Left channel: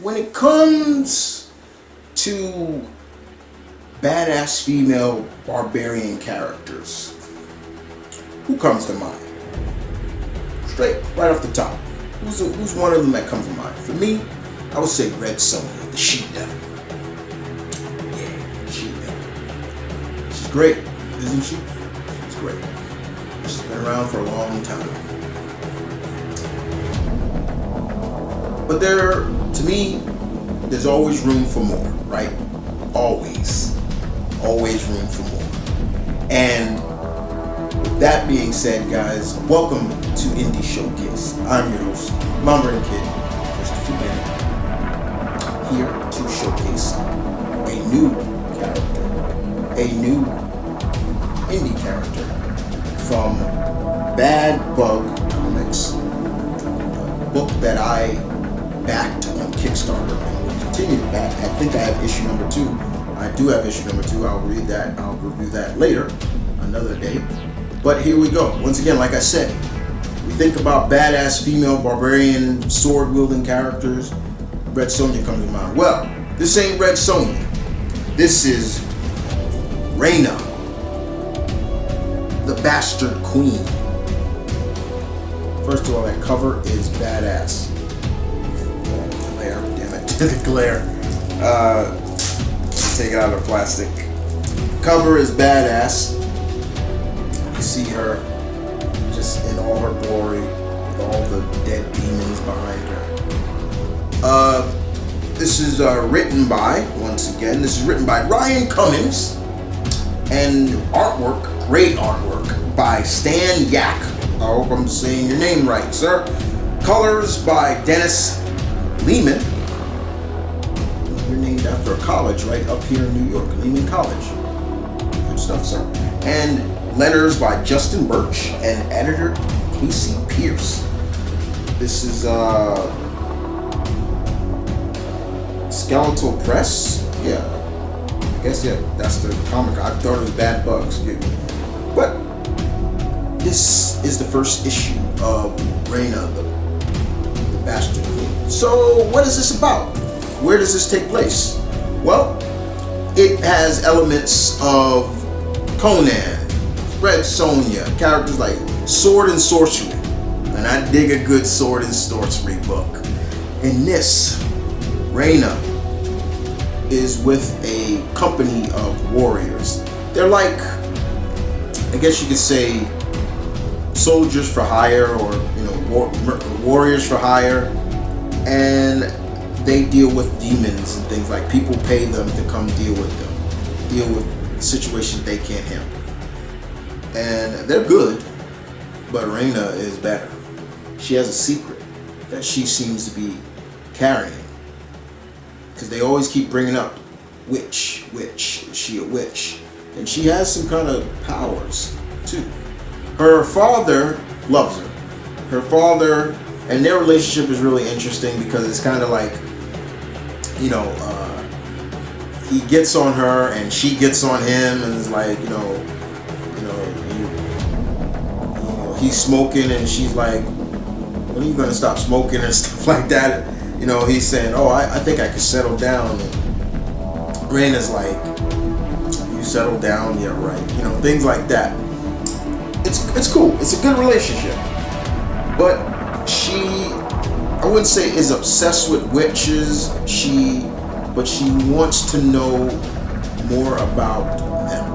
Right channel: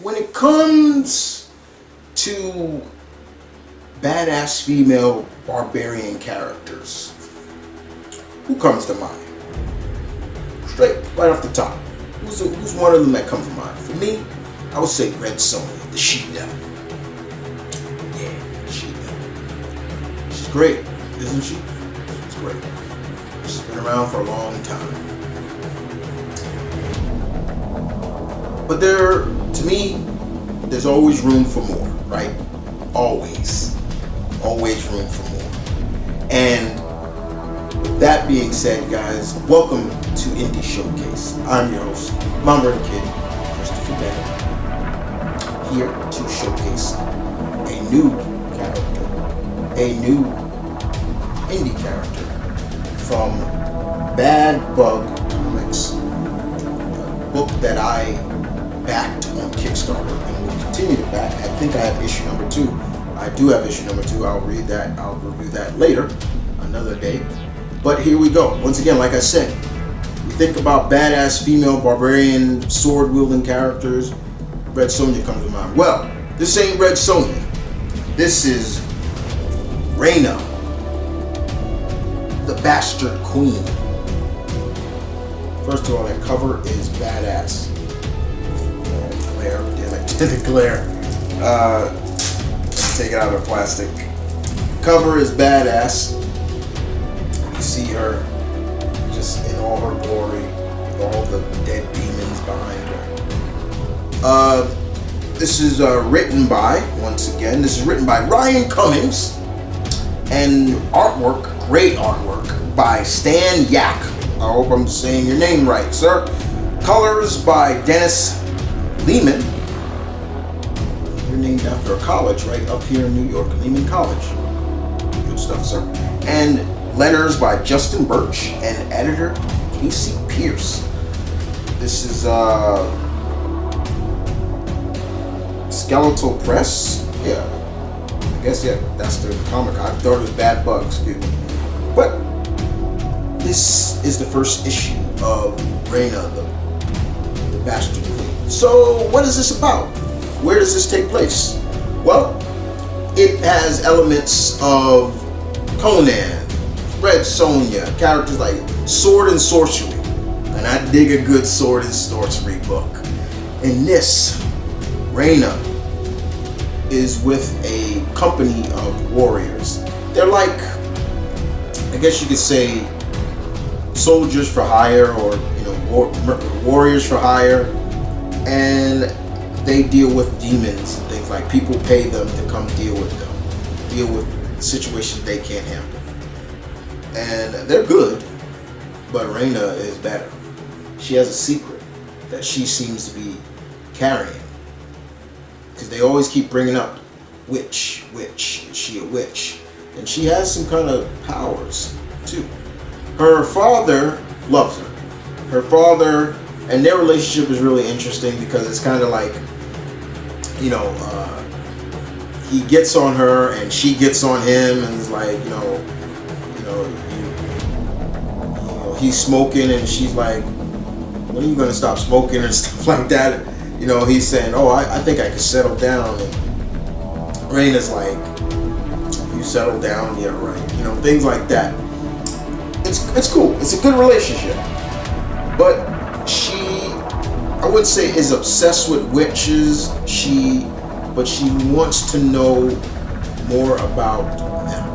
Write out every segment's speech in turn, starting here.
when it comes to badass female barbarian characters, who comes to mind? Straight right off the top. Who's one of them that comes to mind? For me, I would say Red Sonja, the She-Devil. Yeah, She-Devil. She's great, isn't she? She's great. She's been around for a long time. But to me, there's always room for more, right? Always. Always room for more. And with that being said, guys, welcome to Indie Showcase. I'm your host, M.V.K, Christopher Bennett, here to showcase a new character, a new indie character from Bad Bug Comics, a book that I backed on Kickstarter and will continue to back. I think I have issue number 2. I do have issue number 2. I'll read that. I'll review that later, another day. But here we go. Once again, like I said, we think about badass female barbarian sword-wielding characters. Red Sonja comes to mind. Well, this ain't Red Sonja. This is Rayna, the Bastard Queen. First of all, that cover is badass. The glare, damn it, the glare. Let me take it out of the plastic. Cover is badass. You see her just in all her glory with all the dead demons behind her. This is written by, once again, this is written by Ryan Cummings, and artwork, great artwork, by Stan Yak. I hope I'm saying your name right, sir. Colors by Dennis Lehman. You're named after a college right up here in New York, Lehman College. Good stuff, sir. And letters by Justin Birch and editor Casey Pierce. This is Skeletal Press. Yeah, I guess, yeah, that's the comic. I thought it was Bad Bugs, excuse me. But this is the first issue of Rayna, the Bastard Queen. So what is this about? Where does this take place? Well, it has elements of Conan, Red Sonja, characters like sword and sorcery. And I dig a good sword and sorcery book. In this, Rayna is with a company of warriors. They're like, I guess you could say, soldiers for hire, or warriors for hire, and they deal with demons and things. Like, people pay them to come deal with them, deal with situations they can't handle. And they're good, but Rayna is better. She has a secret that she seems to be carrying, because they always keep bringing up witch, is she a witch? And she has some kind of powers too. Her father loves her. Her father, and their relationship is really interesting, because it's kind of like, he gets on her and she gets on him, and it's like, he's smoking and she's like, when are you gonna stop smoking and stuff like that? He's saying, oh, I think I could settle down, and Rayna's like, you settle down, yeah, right, things like that. It's cool. It's a good relationship. But she, I wouldn't say is obsessed with witches. But she wants to know more about them,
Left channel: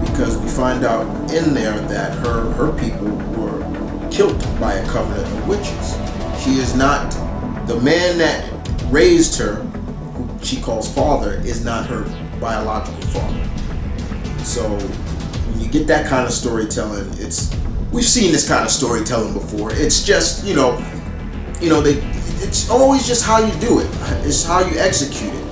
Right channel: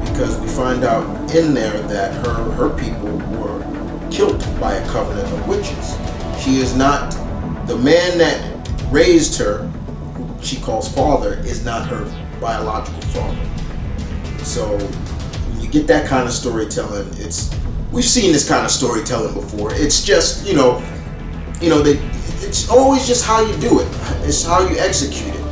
because we find out in there that her people were killed by a covenant of witches. She is not, the man that raised her, who she calls father, is not her biological father. So when you get that kind of storytelling, we've seen this kind of storytelling before. It's just, it's always just how you do it. It's how you execute it.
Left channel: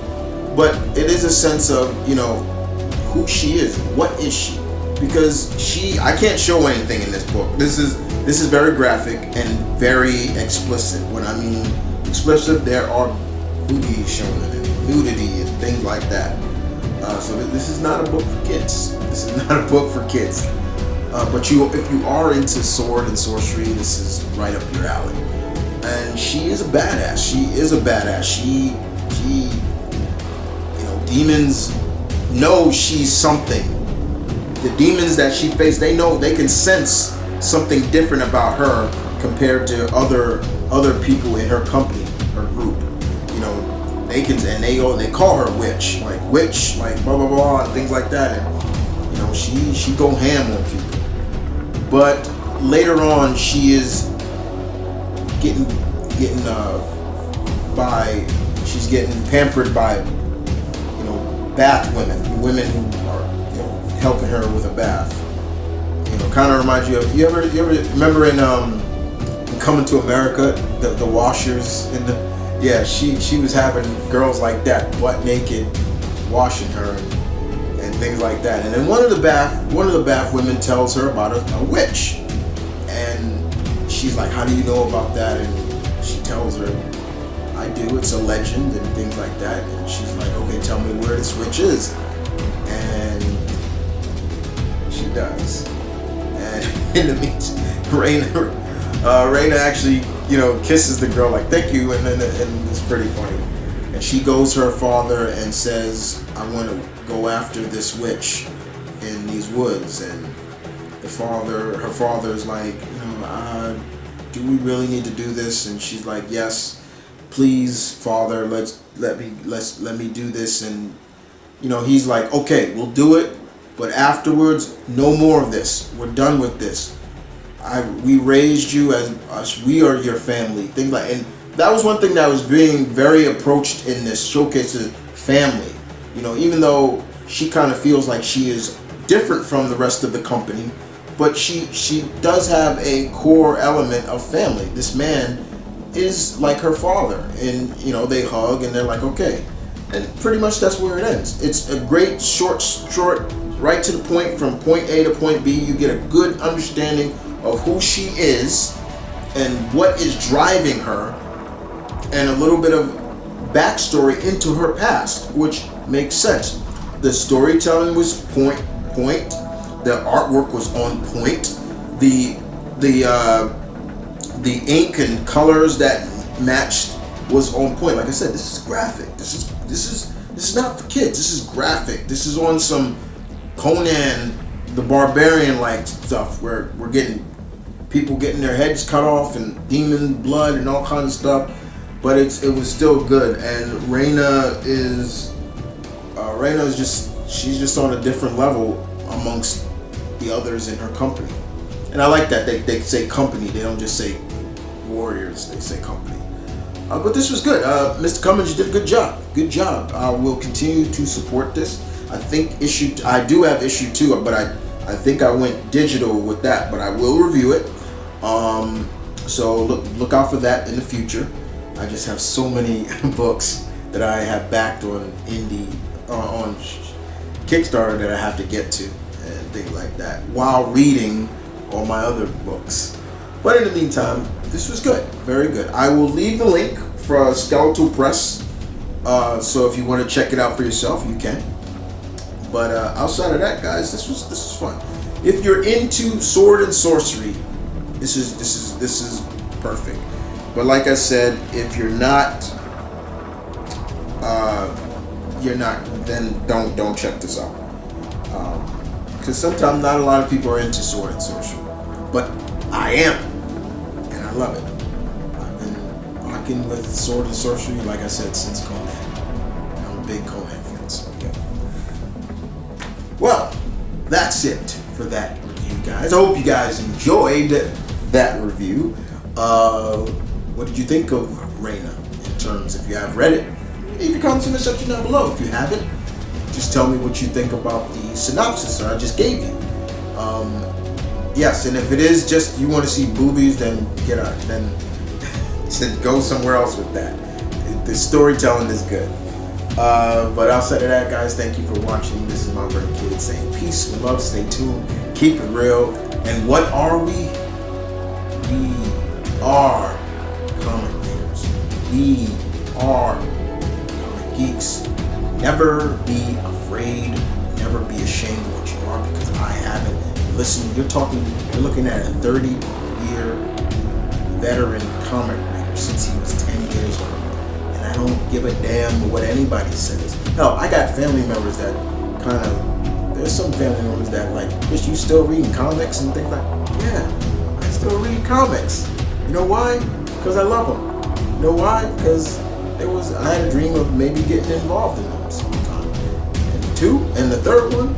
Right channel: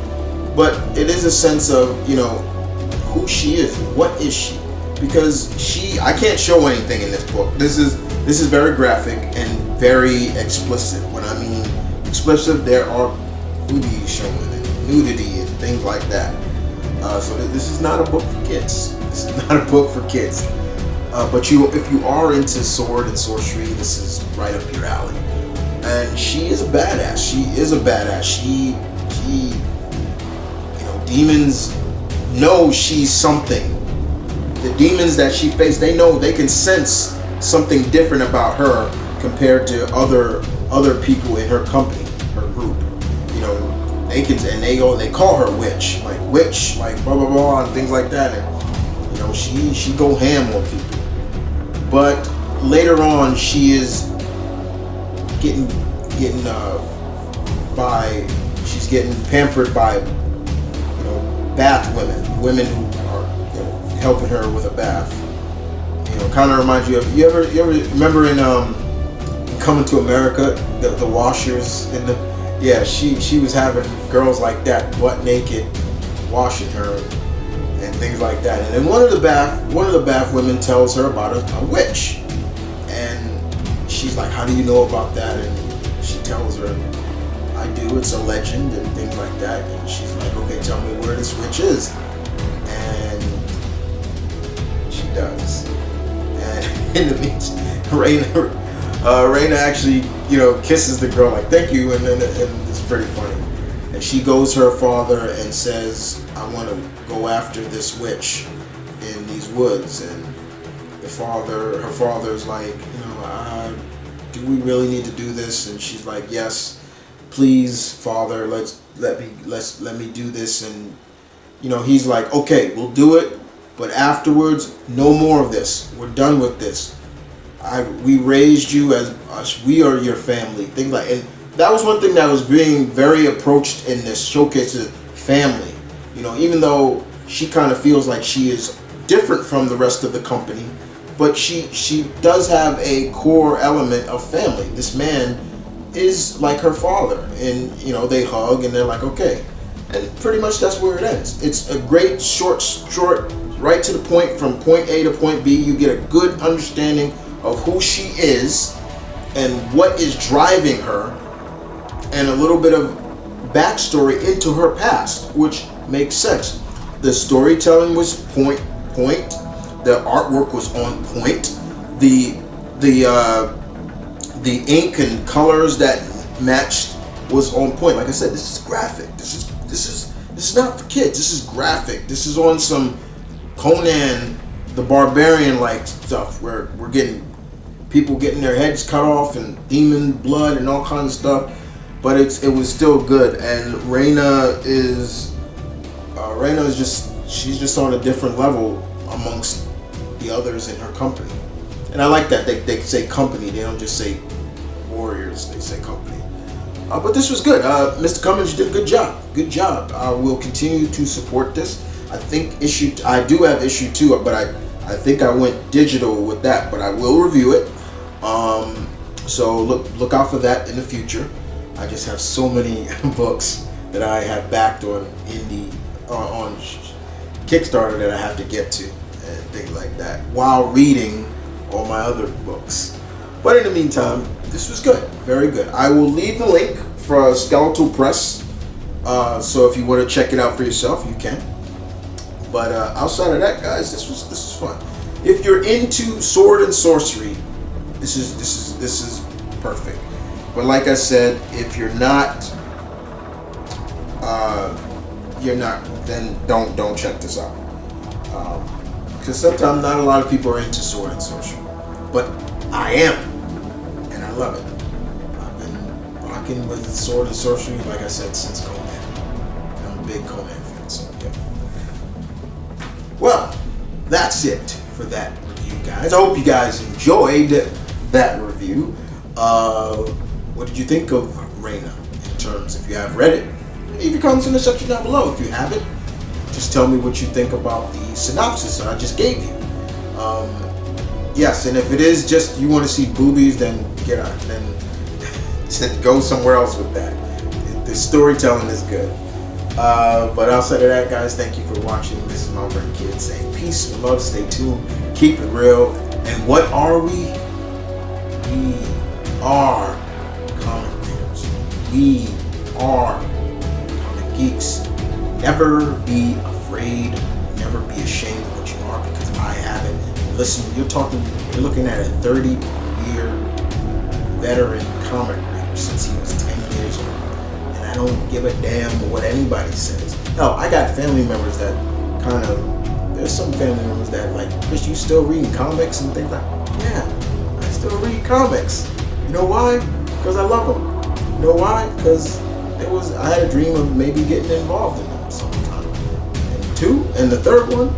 But it is a sense of, who she is. What is she? Because I can't show anything in this book. This is very graphic and very explicit. When I mean explicit, there are boobies showing and nudity and things like that. So this is not a book for kids. This is not a book for kids. But if you are into sword and sorcery, this is right up your alley. and she is a badass. She demons know she's something. The demons that she faced, they know, they can sense something different about her compared to other people in her company, her group. They can, and they call her witch, like blah blah blah and things like that, and she go ham on people. But later on, she is getting she's getting pampered by bath women who are helping her with a bath. Kind of reminds you of, you ever remember in Coming to America, the washers in the, she was having girls like that butt naked washing her and things like that. And then one of the bath women tells her about a witch, and she's like, how do you know about that? And she tells her, I do, it's a legend and things like that. And she's like, okay, tell me where this witch is. And she does. And in the meantime, Rayna actually kisses the girl like, thank you, and it's pretty funny. And she goes to her father and says, I want to go after this witch in these woods. And her father's like, do we really need to do this? And she's like, yes, please, father, let me do this. And he's like, okay, we'll do it, but afterwards, no more of this. We're done with this. We raised you as us. We are your family. Things like, and that was one thing that was being very approached in this showcase of family. Even though she kind of feels like she is different from the rest of the company, but she does have a core element of family. This man is like her father, and they hug and they're like, okay, and pretty much that's where it ends. It's a great short, right to the point, from point A to point B. You get a good understanding of who she is and what is driving her, and a little bit of backstory into her past, which makes sense. The storytelling was point. The artwork was on point. The ink and colors that matched was on point. Like I said, this is graphic. This is not for kids. This is graphic. This is on some Conan the Barbarian like stuff, where we're getting people getting their heads cut off and demon blood and all kinds of stuff. But it was still good. And Rayna is she's just on a different level amongst the others in her company. And I like that they say company. They don't just say warriors. They say company. But this was good. Mr. Cummins, you did a good job. Good job. I will continue to support this. I think I do have issue 2, but I think I went digital with that. But I will review it. So look out for that in the future. I just have so many books that I have backed on on Kickstarter that I have to get to and things like that while reading all my other books. But in the meantime, this was good, very good. I will leave the link for Skeletal Press, so if you want to check it out for yourself, you can. But outside of that, guys, this was fun. If you're into sword and sorcery, this is perfect. But like I said, if you're not, then don't check this out. Because sometimes not a lot of people are into sword and sorcery, but I am, and I love it. I've been rocking with sword and sorcery, like I said, since Conan, and I'm a big Conan fan. So yeah. Well, that's it for that review, guys. I hope you guys enjoyed that review. What did you think of Rayna? In terms, if you have read it, leave your comments in the section down below. If you haven't, just tell me what you think about the synopsis I just gave you. Yes, and if it is just you want to see boobies, then get out. Then go somewhere else with that. The storytelling is good. But outside of that, guys, thank you for watching. This is M.V.K saying peace and love. Stay tuned. Keep it real. And what are we? We are comic readers. We are comic geeks. Never be afraid. Never be ashamed of what you are, because I haven't. Listen, you're looking at a 30-year veteran comic reader. since he was 10 years old. And I don't give a damn what anybody says. Hell, I got family members that there's some family members that like, Chris, you still reading comics and things like that? Yeah, I still read comics. You know why? Because I love them. You know why? Because I had a dream of maybe getting involved in them sometime. And the third one,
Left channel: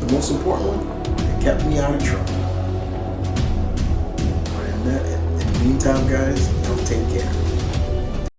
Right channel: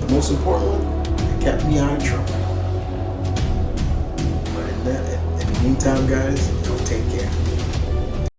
the most important one, they kept me out of trouble. But in the meantime, guys, y'all take care.